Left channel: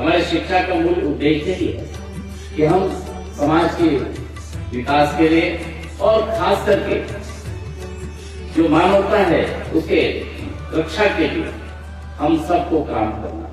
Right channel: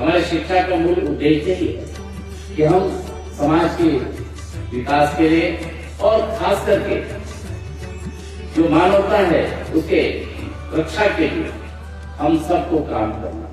हमारे शिक्षा का मूल उद्देश्य ही है कि हम समाज के विकास के लिए और खास करके जो मानवता है उसके रक्षा के लिए हम सबको काम करना।